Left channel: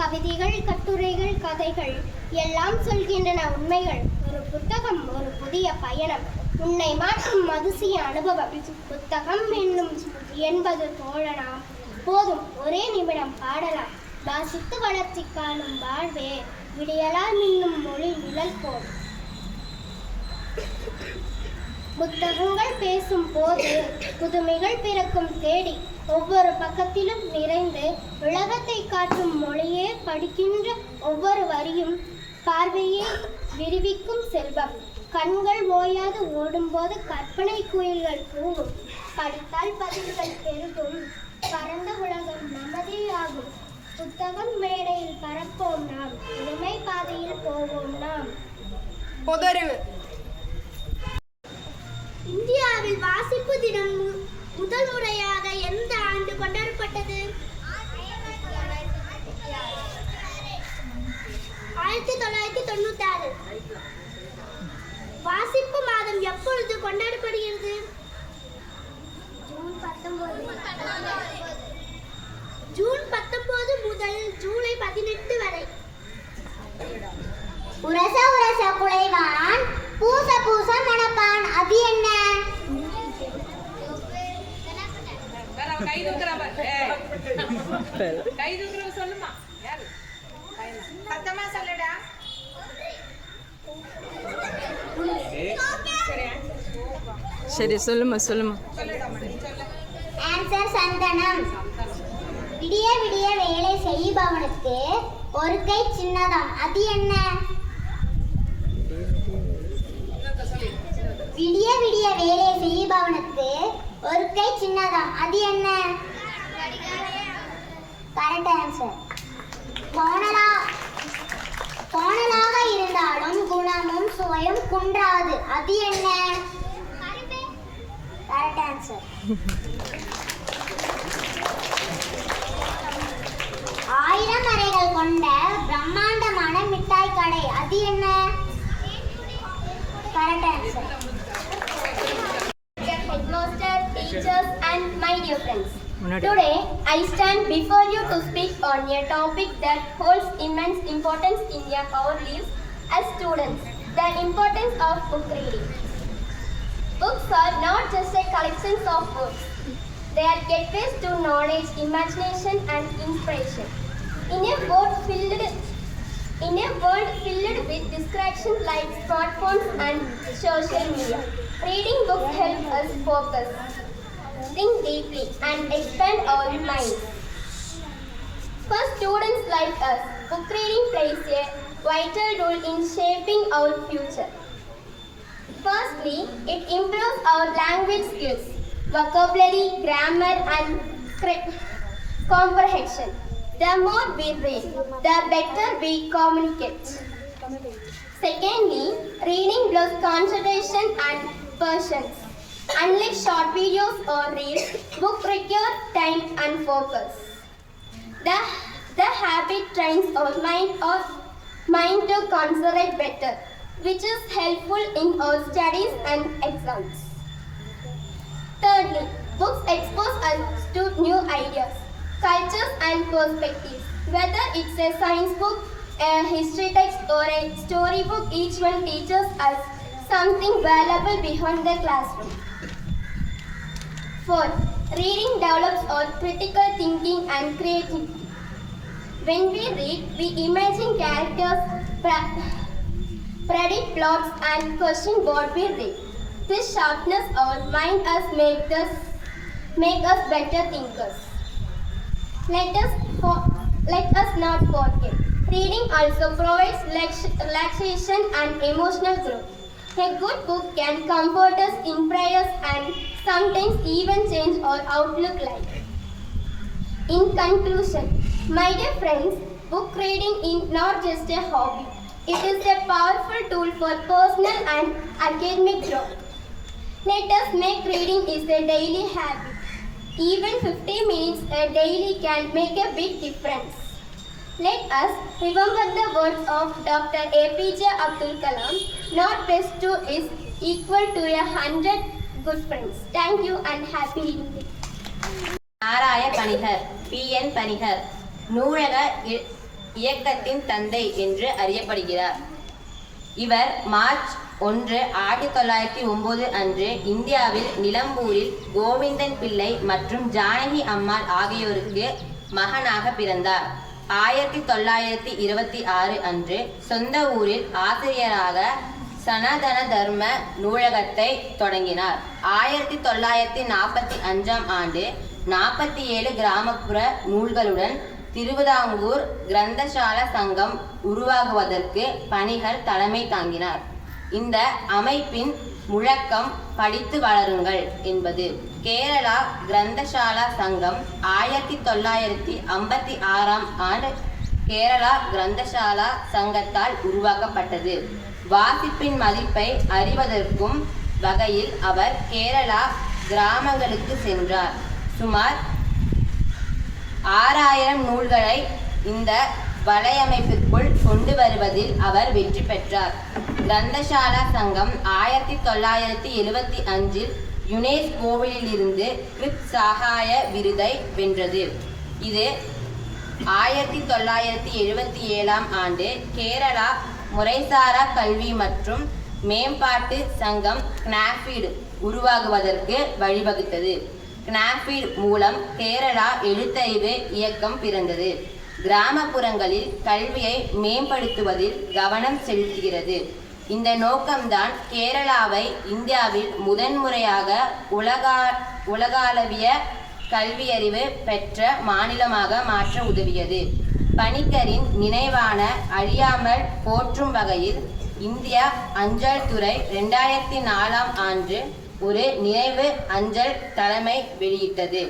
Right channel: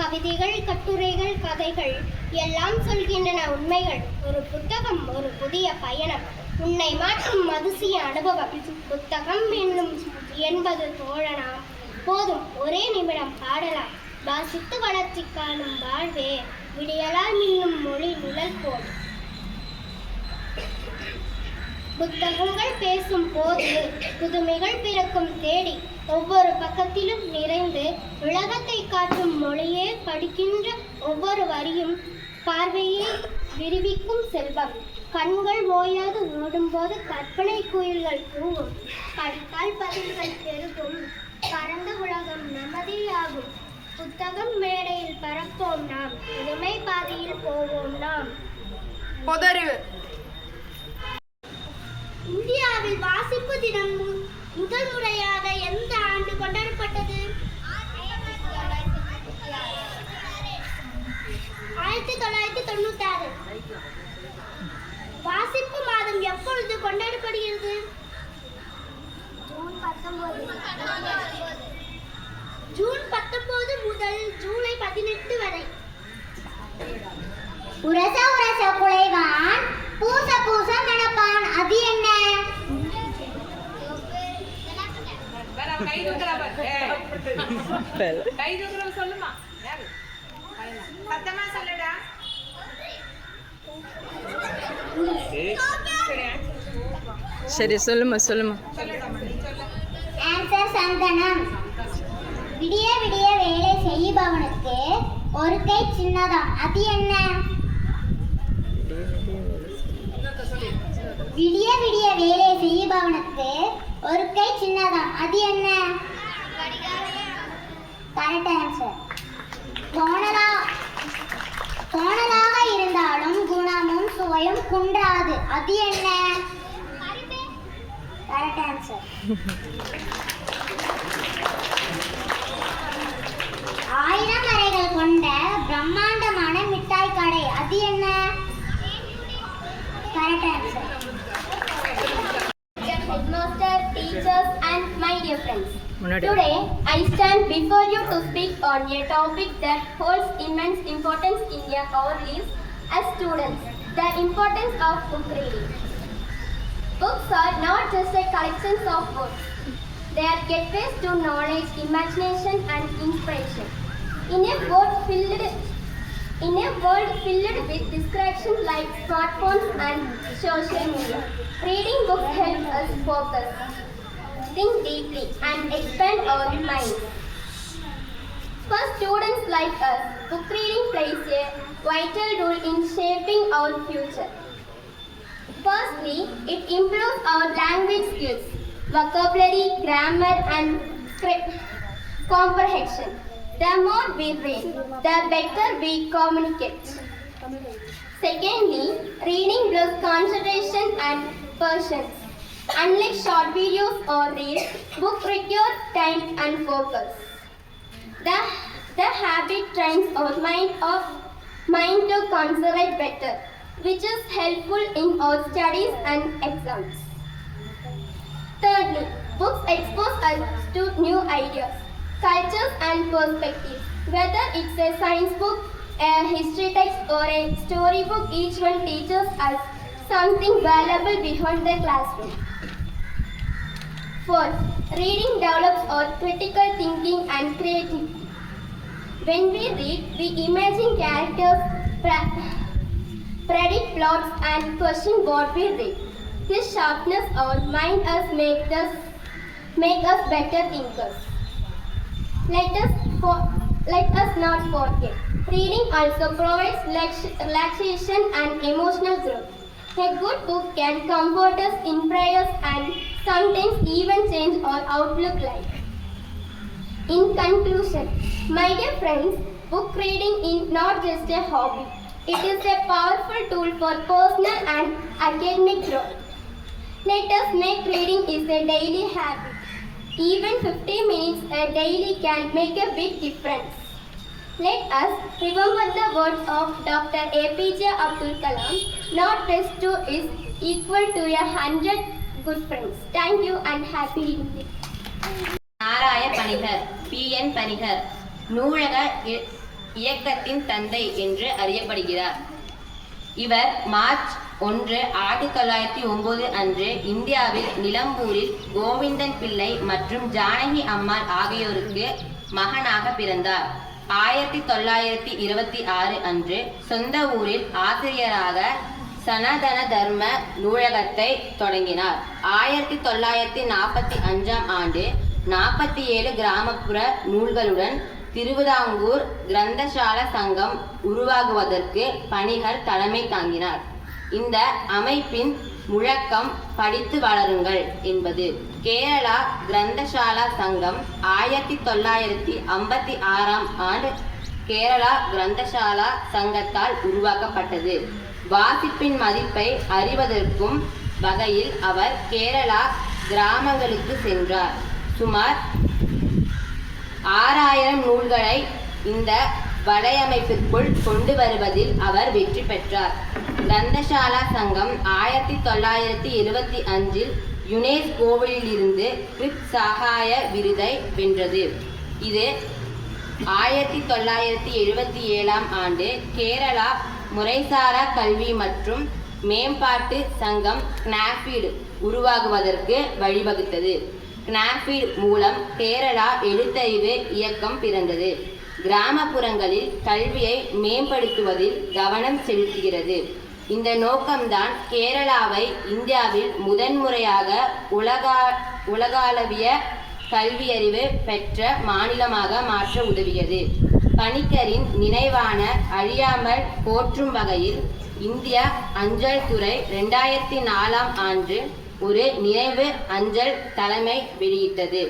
கவிதைகள், கட்டுரைகள், கதைகள் எல்லாம் சொல்கின்றன உண்மைகள். ஒரு புத்தகம் ஒரு புதிய பயணம், உன்னை மாற்றும் அதிசய அனுபவம். புத்தகம் என்பது தோழனாம், போதும் ஒரே நிமிடம் பாடலாம். வாசித்து வளர்ச்சி காணும் வாழ்வே, விடியலால் இன்னும் மொழி நிழல் போல். புத்தகங்கள் பேசும் போது புதுமைகள் பிறக்கும் தேடி, ஒவ்வொரு பக்கத்திலும் நிறைந்து உலகத்தை காட்டும் மொழியே படிக்கின்ற ஒவ்வொரு வரியும் பார்வையை விரிவிக்கும் செல்வம். கண்கள் ஓயாது ஓடும்போது கற்பனை குயில்கள் கூவும், படித்தால் பதில்கள் பெருகும், பரந்த உலகம் நமதியாகும். புத்தகம் மேடையில் பறப்போம் நாம், புதுமை பாதையில் போவோம் நாம். இந்தியாவில் வாசிப்பு தினம் முதல் முறையாக எந்த ஆண்டு கொண்டாடப்பட்டது? 1996. வாசிப்பு மாதம் எப்பொழுது கொண்டாடப்படுகிறது? ஜூன் 19 முதல் ஜூலை 18 வரை. உரச உரச குலைவான், பூச பூச நடப்பான், அது என்ன? சொல்லுமா, சத்தமா சொல்லுடா. சரி சொல்லுமா சொல்லுமா. ஆன்சர் சந்தனம். விடிய விடிய வேலை செய்பவனுக்கு ஒரு கை சின்னதாம், அது என்ன? விடிய விடிய வேலை செய்பவனுக்கு ஒரு கை சின்னதாம், அது என்ன? Correct answer. கோணலாக இருந்தாலும் குணமும் சுவையும் குன்றாது, அது என்ன? Correct answer. 1000 அறைகள் கொண்ட பிரம்மாண்டமான மிட்டாய் கடை, அது என்ன? Correct answer. Headmaster, teachers and my dear friends. Today I stand before you to speak on a topic that holds immense importance in our lives as students, the importance of book reading. Books are not just a collections of words. They are gateways to knowledge, imagination and inspiration. In a world filled with distractions like smartphones and social media, reading books helps us focus, think deeply, and expand our minds. For students like us, book reading plays a vital role in shaping our future. Firstly, it improves our language skills, vocabulary, grammar, and comprehension. The more we read, the better we communicate. Secondly, reading builds concentration and patience. Unlike short videos or reels, books require time and focus. The habit trains our mind to concentrate better, which is helpful in our studies and exams. Thirdly, books expose us to new ideas, cultures and perspectives. Whether it's a science book, a history text or a storybook, each one teaches us something valuable beyond the classroom. Fourth, reading develops our critical thinking and creativity. When we read, we imagine characters, predict plots and question what we read. This sharpness our mind make us better thinkers. Let us not forget, reading also provides relaxation and emotional growth. A good book can comfort us in prayers and sometimes even change our outlook life. In conclusion, my dear friends, book reading is not just a hobby. It is a powerful tool for personal and academic growth. Let us make reading is a daily habit. Even 50 minutes a daily can make a big difference. Let us remember the words of Dr. APJ Abdul Kalam, not best two is equal to 100 good friends. Thank you and happy reading. நாராய பணிகர் PN பணிகர் நூலக இயக்கத்தின் தந்தை என்று அறியப்படுகிறார். இவர் March 1, 1909 அன்று இந்தியாவில் நிலம்பூரில் கோவிந்தன் பிள்ளை மற்றும் ஜானகி அம்மாள் ஆகியோருக்கு மகனாக பிறந்தார். 1926 அன்று சொந்த ஊரில் ஆசிரியராக சனாதன தர்ம நூலகத்தை தொடங்கினார். 1945 ஆண்டு 47 கிராமப்புற நூல்களுடன் திருவிதாங்கூர் கிரந்தசாலா சங்கம் உருவாகுவதற்கு பணிகர் தலைமை தாங்கினார். இந்த அமைப்பின் முழக்கம் படித்து வளருங்கள் என்பது. கேரளா கிரந்தசாலா சங்கம் 1956 ஆண்டு கேரளா கிரந்தசாலா சங்கத்தால் உருவாக்கப்பட்டது. வாசிப்பின் மதிப்பை அறிவதற்கும் வகையில் அவர் கேரளா கிராமங்களுக்கு சென்றார். சுமார் 6000 நூல்களை இந்த வலையமைப்பிற்குள் கொண்டு வருவதில் அவர் வெற்றி பெற்றார். கிரந்தசாலா சங்கம் 1975 யுனெஸ்கோவில் இருந்து கிருத் சகாய விருதை வென்றது. இது 1977 ஆண்டு கேரளா முறைசாரா கல்வி மற்றும் மேம்பாட்டு சங்கம் கினாஃபீடு உருவாகுவதற்கு வழிவகுத்தது. கினாஃபீடு மூலம் கேரளா எழுத்தறிவு இயக்கம் பிறந்தது. கிராமப்புறங்களில் கல்வியை மேம்படுத்துவதில் கவனம் செலுத்துகிறது. இந்த நோக்கம்தான் கேரளாவை இந்தியாவில் முதன்முறையாக உலகளவிய கல்வியறிவு பெற்ற மாநிலமாக மாற்ற உதவியது. பணிக்கரின் நினைவான அழியாமல் போற்றும் வகையில் இந்திய அஞ்சல் துறை 2004 ஆண்டு ஒரு நினைவு அஞ்சல் தலைமை வெளியிட்டது.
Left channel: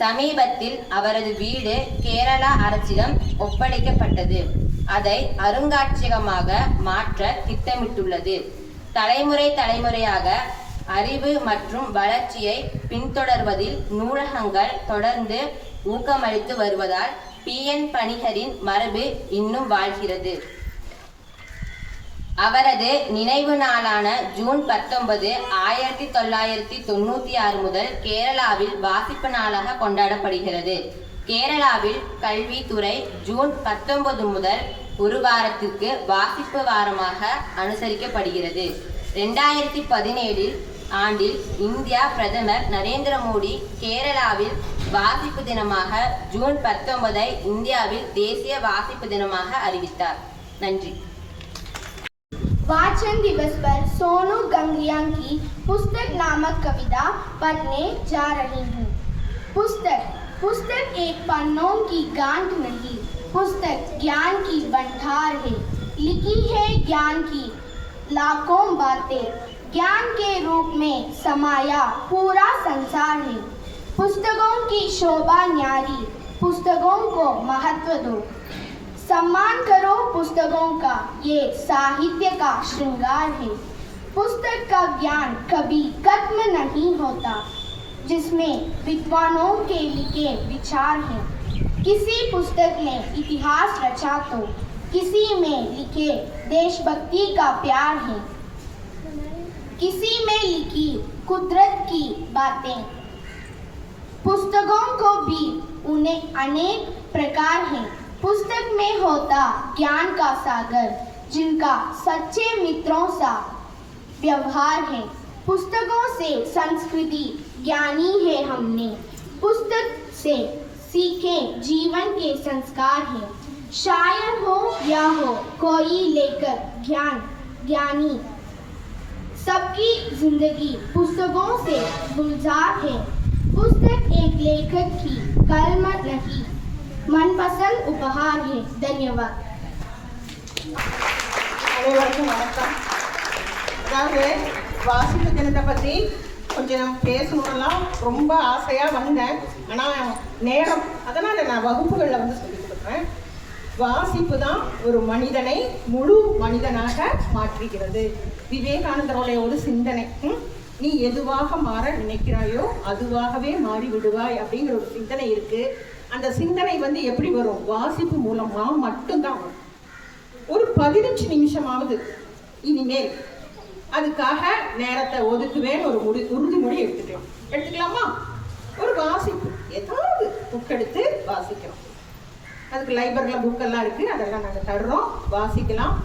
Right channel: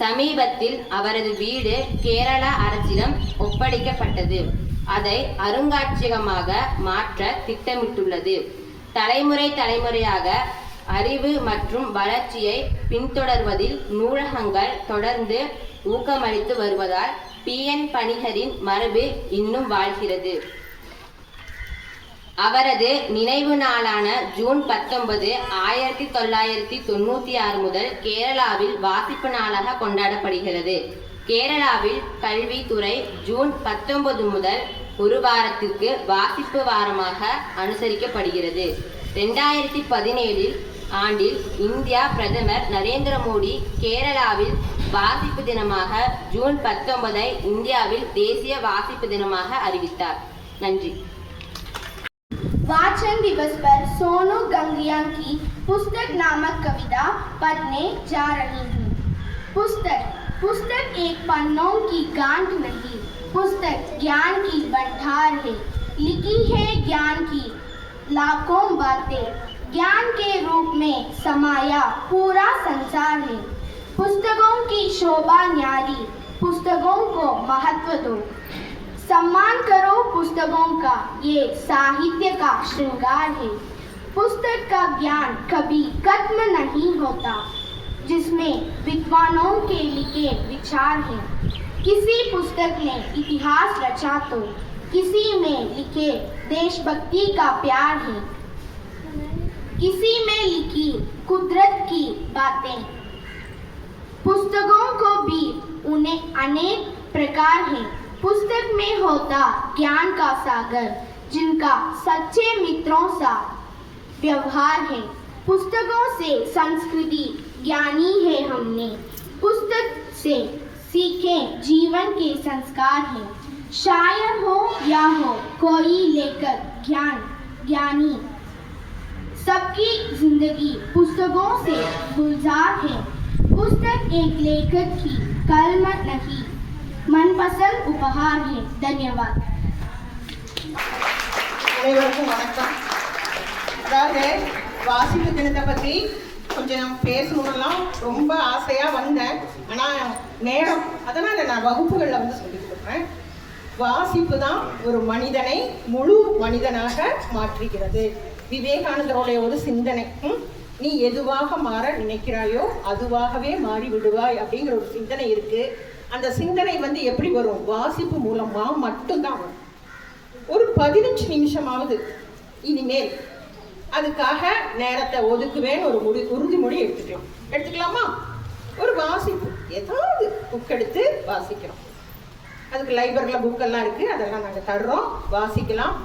சமீபத்தில் அவரது வீடு கேரளா அரசிடம் ஒப்படைக்கப்பட்டது. அதை அருங்காட்சியகமாக மாற்ற திட்டமிட்டுள்ளது. தலைமுறையாக அறிவு மற்றும் வளர்ச்சியை பின்தொடர்வதில் நூலகங்கள் தொடர்ந்து ஊக்கமளித்து வருவதால் PN பணிகரின் மரபு இன்னும் வாழ்கிறது. அவரது நினைவு நாளான ஜூன் 19, 1996 முதல் கேரளாவில் வாசிப்பு நாளாக கொண்டாடப்படுகிறது. கேரளாவில் கல்வித்துறை ஜூன் 19 முதல் ஒரு வாரத்திற்கு வாசிப்பு வாரமாக அனுசரிக்கப்படுகிறது. 2017 ஆண்டில் இந்தியா பிரதமர் நரேந்திர மோடி கேரளாவில் வாசிப்பு தினமாக ஜூன் 19 இந்தியாவில் தேசிய வாசிப்பு தினமாக அறிவித்தார். நன்றி. वाचन दिवस पर सोनू गंगरिया की पुस्तक नामक कविता पढ़ने जा रही हूँ। पुस्तक एक पन्नों की गांठ नहीं, पुस्तक ज्ञान की भंडार है। लिखी है ज्ञान की लाखों बातें, ज्ञान के रूप में समाया पूरा संसार है। पुस्तकों की शोभा न्यारी, पुस्तकों को महत्व दो, सम्मान करो पुस्तकों का, ये साहित्य का श्रृंगार है। पुस्तक का ज्ञान कभी खत्म नहीं होता, जिसमें विद्वानों के लिखे विचार हैं। किसी पुस्तक ने इतिहास रचा तो किसी में लिखे देशभक्ति का प्यार है। किसी में लिखी कुदरत की बातें। पुस्तकों को भी उन्हें अनेक प्रकार हैं। पुस्तक में होता ज्ञान का सागर, जिनका सच्चे मित्रों सा व्यवहार है। पुस्तकों से संस्कृति ज्ञानी है हमने, पुस्तक से सीखे जीवन के संस्कार हैं। शायर हो या हो कोई लेकर ज्ञानी, सबकी जिंदगी पुस्तकों से गुलजार है। पुस्तक एक लेखक की कलम नहीं, मनपसंद उपहार है. धन्यवाद. அனைவருக்கும் வணக்கம். அதாவது வாசிப்பு தினத்தை பற்றி கொஞ்சம் பேசணும்லாம் ரொம்ப ஆசையாக வந்தேன். ஆனால் நேரம், அதனால் நான் வகுப்புகளில் வந்து சொல்லிக் கொடுக்குறேன். வாசிப்பு தான் ஒரு மனிதனை முழு மனிதனாக மாற்றுகிறது. விவேகானந்தருடைய ஒரு சிந்தனை, நீ எதுவாக மாற நினைக்கிறாயோ அதுவாகவே மாறி விடுவாய் அப்படிங்கிற ஒரு சிந்தனை இருக்கு. அந்த சிந்தனை வந்து எப்படி வரும்? வாசிப்பு மூலமா மட்டும்தான் வரும். ஒரு 15 நிமிஷமாவது இனிமேல் அதுக்காக நேரத்தை ஒதுக்குவேன் ஒரு உறுதிமொழி எடுத்துக்கலாமா? ஒரு வாசிப்பு, ஏதாவது புக் எடுத்து வாசிக்கிறோம். அதுக்கு லைப்ரரியில் புக்கெல்லாம் இருக்குது, அதெல்லாம் நாங்கள் தர்றோம், வாசிக்கலாம்.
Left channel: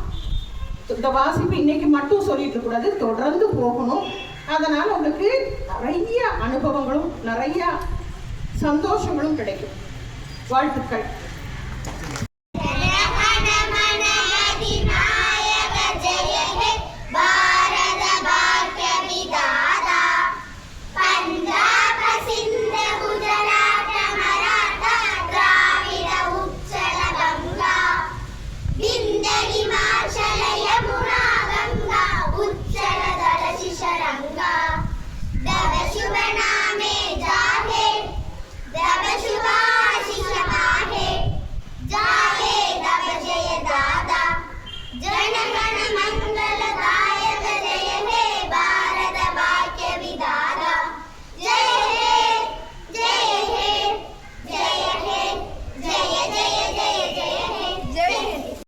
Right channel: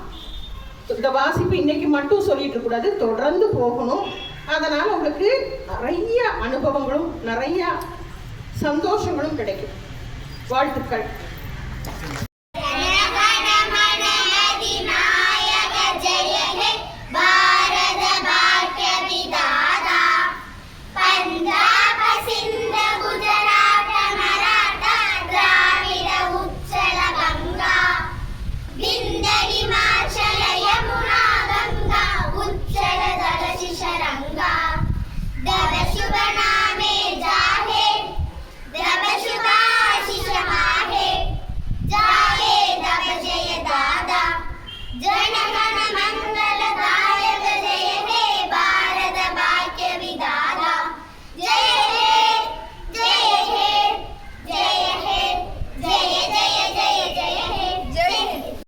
இந்த வாசிப்பு இன்னைக்கு மட்டும் சொல்லிட்டு இருக்கக்கூடாது, தொடர்ந்து போகணும். அதனால் உங்களுக்கு நிறைய அனுபவங்களும் நிறைய சந்தோஷங்களும் கிடைக்கும். வாழ்த்துக்கள்.